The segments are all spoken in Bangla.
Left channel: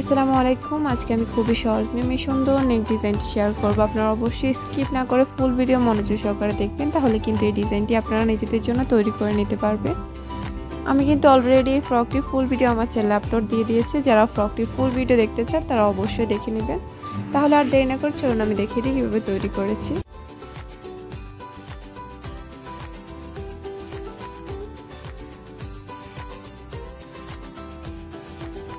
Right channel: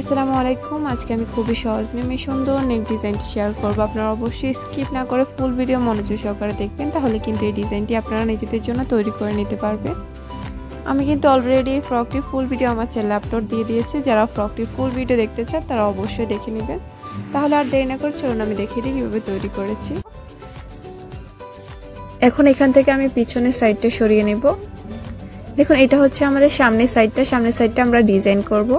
আসসালামু আলাইকুম। আজকে আমি খুবই সহজ নিয়মে সুন্দর নেক ডিজাইনটি শেয়ার করব। আপনারা অবশ্যই স্কিপ না করে ফুল ভিডিও মনোযোগ সহকারে দেখবেন, তাহলে কিন্তু এই ডিজাইনটি আপনারা নিজেদের জন্য তৈরি করে নিতে পারবেন। আমি কিন্তু অলরেডি ফ্রকটির ফুল ভিডিও আমার চ্যানেলে আপলোড দিয়ে দিয়েছি। যারা ফ্রকটির ফুল ভিডিও দেখতে চান তারা অবশ্যই দেখে নেবেন। তাহলে আর দেরি না করে চলুন আমি দেখিয়ে দিই কীভাবে তৈরি করেছি। এখন এখান থেকে আমি পিছনের সাইডটা সরিয়ে নেব। দেখুন, এটা হচ্ছে আমাদের সামনের সাইডটা আমরা ডিজাইন করব।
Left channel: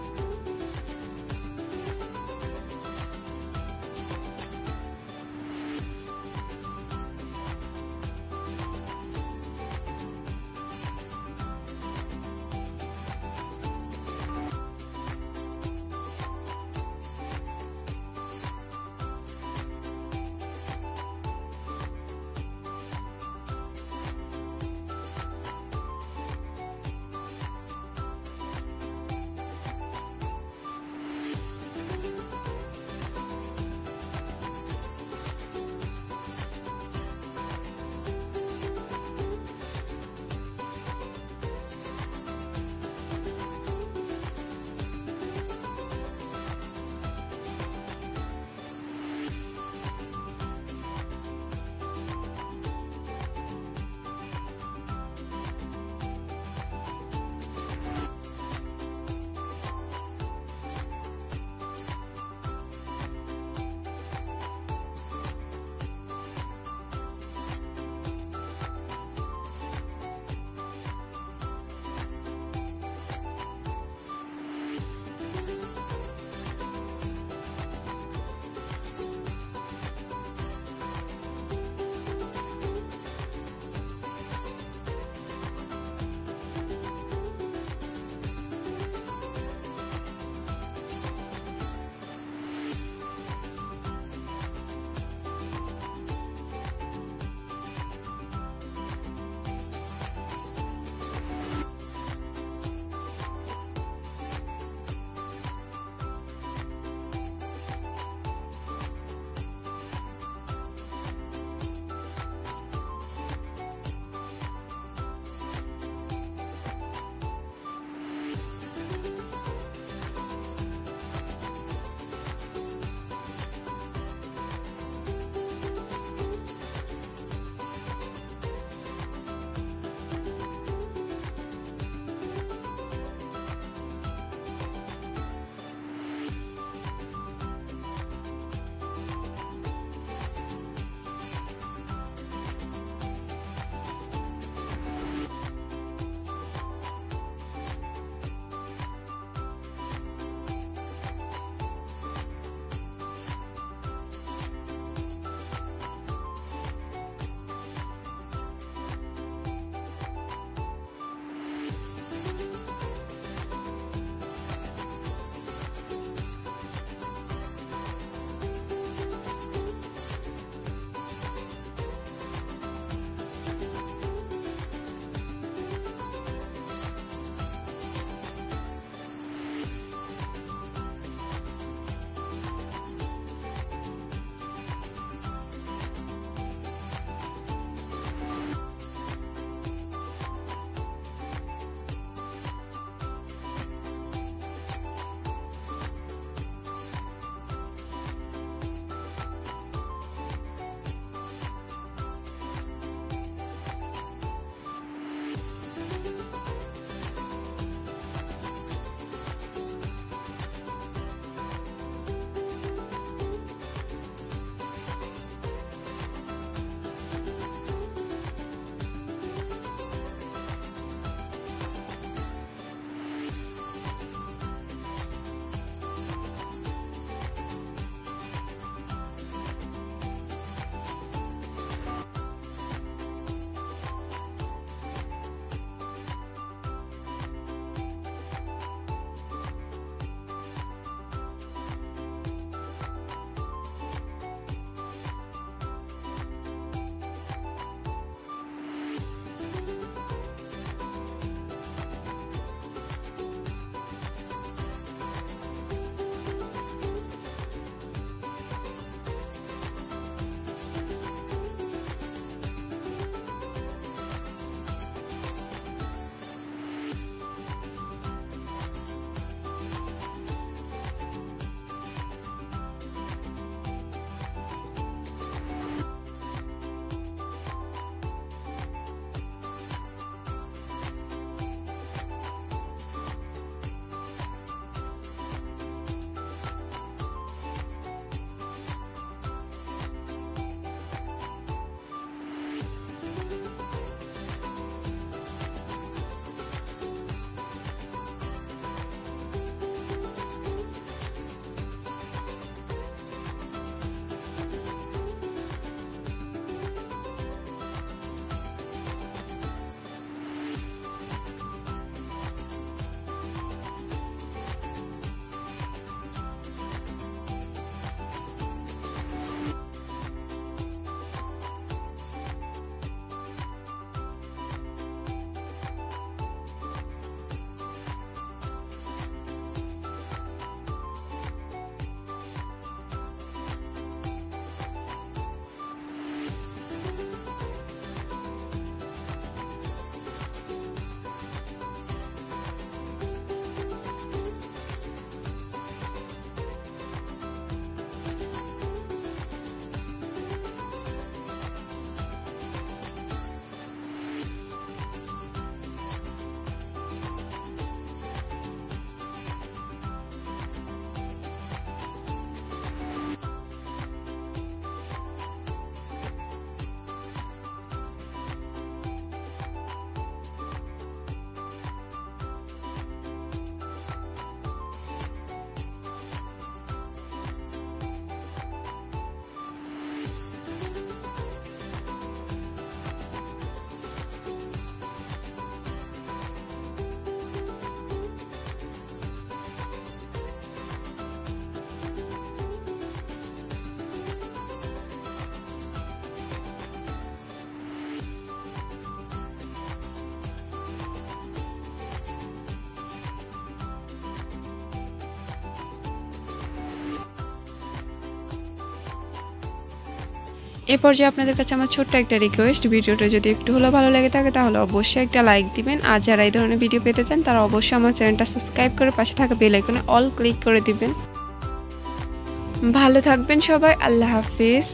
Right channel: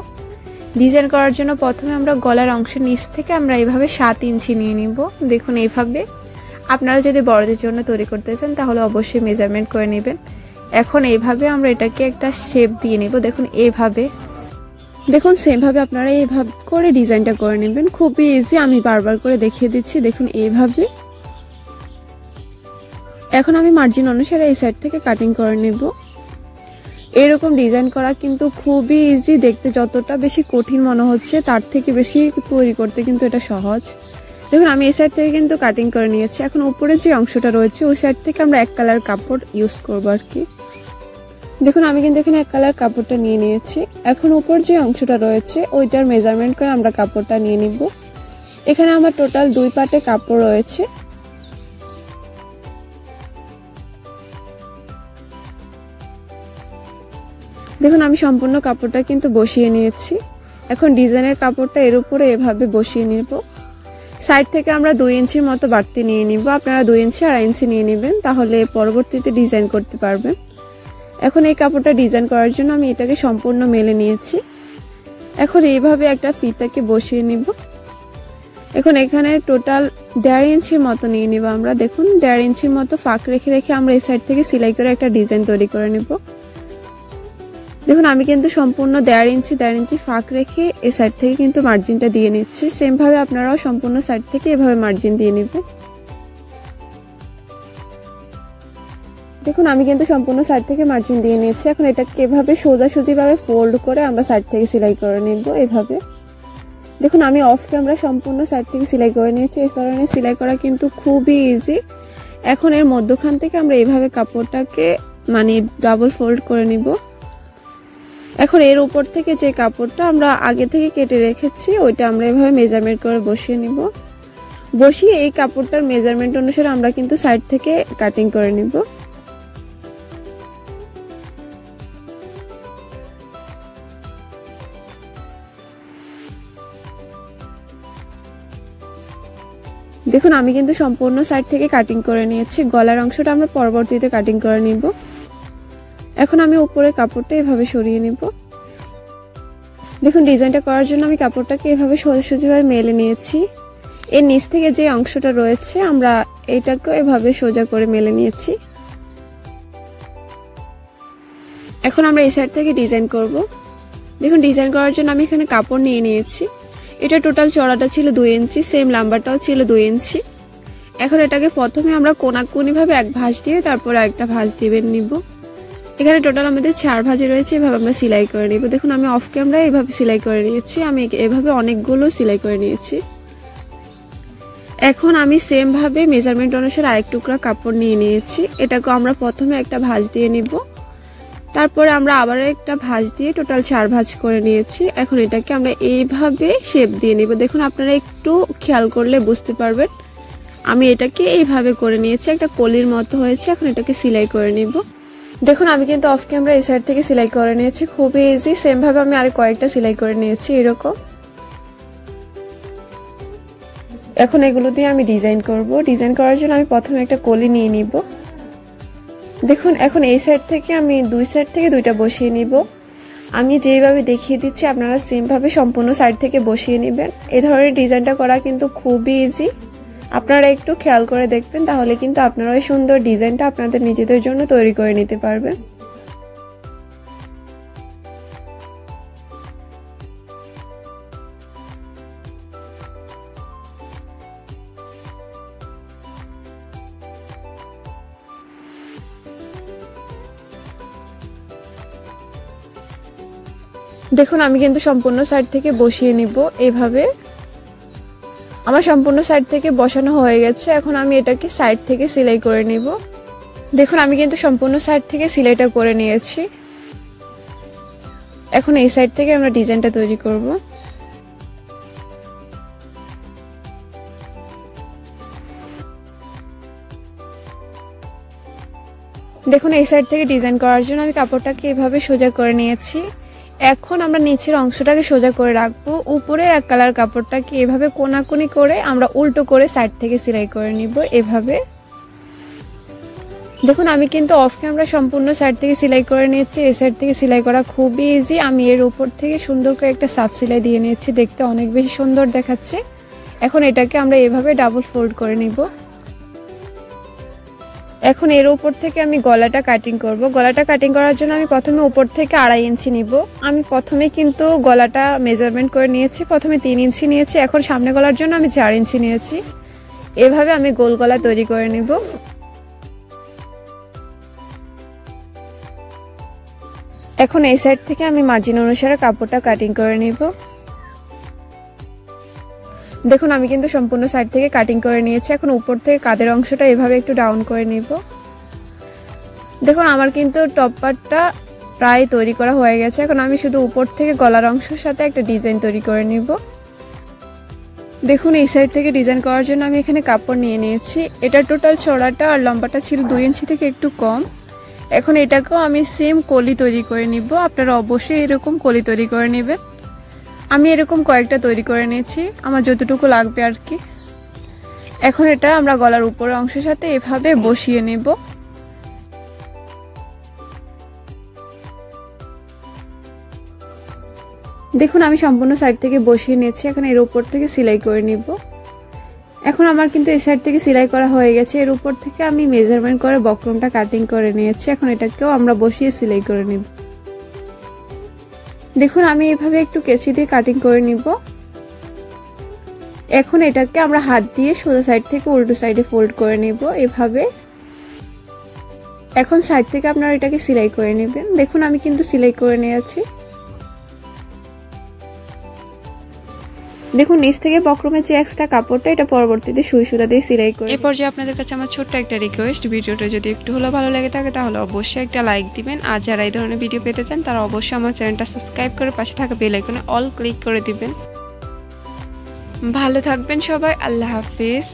ডিজাইন করার জন্য প্রথমে আমরা গলার অংশ নিচ থেকে আমরা এইভাবে 7 ইঞ্চি নিয়ে নিব। দেখুন, এইভাবে আপনারা যদি বড়দের জন্য তৈরি করতে চান তাহলে অবশ্যই মেজারমেন্ট করে নেবেন। এখন এইভাবে আমরা এটাকে একটা শেপ দিয়ে নিব। দেখুন এইভাবে, দেখুন সেমভাবে আপনারা এইভাবে করে ডিজাইনটা করে নেবেন। খুবই ইজি, আমি বারবার করে দেখিয়ে দিচ্ছি। দেখুন এইভাবে। এখন আমি মার্জিন অনুসারে এই সাইড থেকে কাটিং করে নেব। এরকম ডিজাইন করা কিন্তু খুবই ইজি, দেখতে যতটা বেশি কঠিন মনে হচ্ছে তার থেকে বেশি তৈরি করতে কিন্তু এটা সহজ। দেখুন, আমি এই সাইড থেকে কিন্তু কাটিং করে নিয়েছি। এখন উপরে যে অংশটা রয়েছে ওই সাইড থেকে আমরা এক কালার কাপড় ইউজ করবো আর কি। দেখুন, আমি কিন্তু এখানে এক কালার কাপড়টা নিয়ে নিয়েছি। এখন উপর যে অংশটা রয়েছে ওইটার মেজারমেন্ট করে আমরা কাপড়টা নিয়ে নিব। এখানে আমার টোটাল 2 পাটে কাপড় রয়েছে। দেখুন, আমি সম্পূর্ণ কাপড়টা কিন্তু বসিয়ে নিয়েছি। এখন ডিজাইনের কাপড়টা এর উপরে এভাবে বসিয়ে নিব। সাইড থেকে আমরা 2 ইঞ্চির মতো বাড়তি নিয়ে নিব। আপনারা 2 ইঞ্চি 2.5 ইঞ্চি নিয়ে নেবেন, তাহলে পরবর্তীতে ডিজাইন করতে পারবেন। এখন এই কাপড়টা ডিজাইন করার জন্য আমি এটাকে সম্পূর্ণ মেলে নিয়েছি। এখন এইভাবে একটা ফিতাকে বসিয়ে নিব। এখন এখানে টোটাল 1.5 ইঞ্চির মতো নিয়ে নিব আমরা। দেখুন, 1.5 ইঞ্চির মতো ফাঁক রেখে রেখে আমরা এই সাইড থেকে সেলাই করে একটা ডিজাইন তৈরি করে নেব। দেখুন, আমি কিন্তু সম্পূর্ণ 1.5 ইঞ্চি ফাঁক রেখে এই সাইড থেকে কিন্তু মার্জিনটা দিয়ে নিচ্ছি। সেম ভাবে আপনারাও সম্পূর্ণ সাইড থেকে এভাবে মার্জিন দিয়ে নেবেন। দেখুন, আমি কিন্তু সম্পূর্ণ সাইড থেকে মার্জিন দিয়ে নিয়েছি। এখন এটাকে এভাবে সোজাসুজি ভাবে ফোল্ড করে আমরা সাইড থেকে সেলাই করে নেব এইভাবে। দেখুন, আমি অফ ক্যামেরা সম্পূর্ণ সাইড থেকে সেলাই করে নিয়েছি। এই ধরনের সেলাই করা কিন্তু খুবই ইজি। এখন এর মধ্যখান থেকে আমরা এইভাবে কাপড়টাকে ডাবল ফোল্ড করে নিব। এখন এর উপর থেকে যে কাপড়টা আমরা আগে থেকে কেটে রেখেছি ওইটা আমরা এভাবে মেজারমেন্ট করে বসিয়ে নিব। বসিয়ে এই কাপড়টার মেজারমেন্ট অনুসারে আমরা কিন্তু সাইড থেকে কাটিং করে নিব। দেখুন, আমি কিন্তু সম্পূর্ণ সাইড থেকে কাটিং করে নিয়েছি। গলার অংশটা আমরা পরবর্তীতে কাটিং করে নিব। এখন আমি উপরে কাপড়টা এভাবে সরিয়ে নিব। দেখুন, ডিজাইনটা করার জন্য আমি কাপড়টাকে এভাবে সোজাসুজিভাবে মেলে নিয়েছি। এর নিচ থেকে যে অংশটা রয়েছে আমরা এটাকে এভাবে সোজা করে মেলে নিয়েছি। এখন আমরা এই সাইড থেকে ডিজাইন করব। দেখুন, ডিজাইন করার জন্য আমি এখানে কাপড় নিয়ে নিয়েছি। এটা টোটাল চড়াটা ছিল 2 ইঞ্চি, সেম লম্বাটাও ছিল 2 ইঞ্চি। এখন এটাকে প্রথমে আমরা কোনাকুনি ভাবে এক ভাঁজ দিয়ে তারপর আরেকটা ভাঁজ দিয়ে নিব। এখানে টোটাল আমাদের 4 ভাঁজে রয়েছে। এভাবে আমরা সেলাই করে নিব। দেখুন, আমি অফ ক্যামেরা এভাবে সেলাই করে নিয়েছি। আমি এভাবে অনেকগুলো সেলাই করে নিয়েছি। এখন আমি সেম ভাবে মেজারমেন্ট অনুসারে আরেক টুকরা কাপড় নিয়ে নিয়েছি। এটাকে আমরা প্রথমে একটা ভাঁজ দিয়ে নিব, তারপরে আমরা আবার একটা ভাঁজ দিয়ে টোটাল 4 ভাঁজ করে নিয়েছি। এখন এটাকে আমরা এইভাবে শেপ দিয়ে নিব। দেখুন, আপনারা একটু খেয়াল করলে বুঝতে পারবেন আমি এটাকে এইভাবে করে নিয়েছি, একটা কলির মতো হয়েছে। এখন এটাকে সেলাই করে নিব। দেখুন, আমি কিন্তু অফ ক্যামেরা এই সাইড থেকে সেলাই করে নিয়েছি। খুবই ইজি। সেম ভাবে আমি আরো কয়েকটা সেলাই করে নিয়েছি এরকম। এখন এগুলো দিয়ে আমি ডিজাইন করব। ডিজাইন করার জন্য আমি প্রথমে একটা কলি নিয়ে নিব। দেখুন, এখন এই সাইড থেকে আমি 2 সাইড থেকে 2টা বসিয়ে নিব। আমি যেভাবে দেখিয়ে দিচ্ছি আপনারা সেম ভাবে সম্পূর্ণ সাইড থেকে বসিয়ে নেবেন। এই ধরনের ডিজাইনটা করা কিন্তু খুবই ইজি। আপনারা একটু খেয়াল করে দেখবেন, তাহলে কিন্তু আপনারা এই সুন্দর ডিজাইনটা আপনাদের নিজেদের জন্য তৈরি করে নিতে পারবেন। দেখুন, আমি কিন্তু সম্পূর্ণ সাইড থেকে বসিয়ে নিব এইভাবে। আমার সম্পূর্ণ সাইড থেকে বসানো হয়ে গেছে। এখন আমি এটাকে সাইড থেকে সেলাই করে নিব। দেখুন, আমি কিন্তু সম্পূর্ণ সাইড থেকে সেলাইটা করে নিয়েছি। এখন এই সাইড থেকে আমরা ডিজাইনটা তৈরি করব। দেখুন এই সাইড থেকে ডিজাইন করার জন্য আমি কাপড়টাকে এভাবে সোজা করে নিয়েছি। এখন আমরা নিচের অংশটাকে সোজা করে রাখবো, উপরে এক কালার কাপড়টাকে এভাবে কোনাকুনি করে আমরা উল্টো করে সাইড থেকে সেলাই করে নিব এভাবে। দেখুন আমি কিন্তু অফ ক্যামেরা সম্পূর্ণ সাইড থেকে সেলাই করে নিয়েছি। এই সাইড থেকে সেলাই করা খুবই ইজি। আমি এর উপর থেকে সুন্দর করে একটা সাফ সেলাই দিয়ে নিয়েছি, দেখতে অনেক বেশি সুন্দর দেখাচ্ছে। এখন এটাকে আমরা এভাবে ডাবল ফোল্ড করে নিব। এখন এর উপর থেকে আমি গলাটা কাটিং করব। গলাটা কাটিং করার জন্য আমি প্রথমে উপর থেকে 2.5 ইঞ্চি নিব। আমি প্রথমে কিন্তু গলাটা মেজারমেন্ট করে নিয়েছি, প্রথমে 3 ইঞ্চি নিয়েছি। এখন সামনে গলার জন্য আমি 4 ইঞ্চি নিয়েছি। এভাবে আমি গোল গলা তৈরি করে নিব। এখন এই সাইড থেকে আমি মার্জিন অনুসারে কাপড়টা কাটিং করে নিব। দেখুন আমি কিন্তু সম্পূর্ণ সাইড থেকে কাটিং করে নিয়েছি। এখন উপর থেকে কাঁধের অংশটা এভাবে একটু ডাউন করে নিব। দেখুন আমার কিন্তু টপ পার্টটা প্রায় তৈরি করা হয়ে গেছে। এখন আমি শুধু উপর থেকে গলার অংশের সাথে একটা ডিজাইন তৈরি করে নিব। দেখুন এই সাইড থেকে ডিজাইন করার জন্য আমি এখানে কাপড় নিয়ে নিয়েছি। এটা টোটাল চওড়াটা আর লম্বাটা ছিল 2 ইঞ্চি থেকে একটু কম। এখন এটাকেও আমি সেম কলি তৈরি করে নিব। আপনারা অবশ্যই এরকম কলি তৈরি করে নেবেন। আমি এরকম কয়েকটা তৈরি করে নিয়েছি, আমার যতটুকু লাগবে আর কি। এখন এটা আমরা গলার উপরের অংশের সাথে এভাবে বসিয়ে নেব। দেখুন আমি সম্পূর্ণ সাইড থেকে বসিয়ে নিয়েছি। এখন এর উপর থেকে সেলাই করে নিব। এখন আমার কিন্তু এই সাইড থেকে সেলাই করা হয়ে গেছে। এর উপর থেকে আমি মেজারমেন্ট করে বক্রমটা কাটিং করে নিয়েছি। এখন এটাকেও আমরা বসিয়ে সেলাই করে নিব। দেখুন আমি এভাবে একটু কেচি দিয়ে কাটিং করে নিব। এখন এটাকে আমরা হাত দিয়ে সোজা সাইড থেকে উল্টো সাইডে ফোল্ড করে নিব এভাবে। এখন সাইড থেকে আপনারা এটাকে সেলাই করে নেবেন। দেখুন আমি কিন্তু সেলাই করে নিয়েছি। দেখুন নিচ থেকে বক্রমের যে এক্সট্রা কাপড়টা, এটা পরবর্তীতে সুই সুতা দিয়ে সেলাই করে। এরপর যে আপনাদের কাছে আমার ছোট্ট একটা রিকোয়েস্ট, ভিডিওটা যদি একটু হলেও ভালো লাগে থাকে তাহলে অবশ্যই একটা লাইক দিবেন। আর যারা এই ধরনের ভিডিও পেতে চান তারা অবশ্যই আমার চ্যানেলটা সাবস্ক্রাইব করে পাশে থাকা বেল আইকনে অল ক্লিক করে দিবেন। ভালো থাকবেন সবাই, আল্লাহ হাফেজ।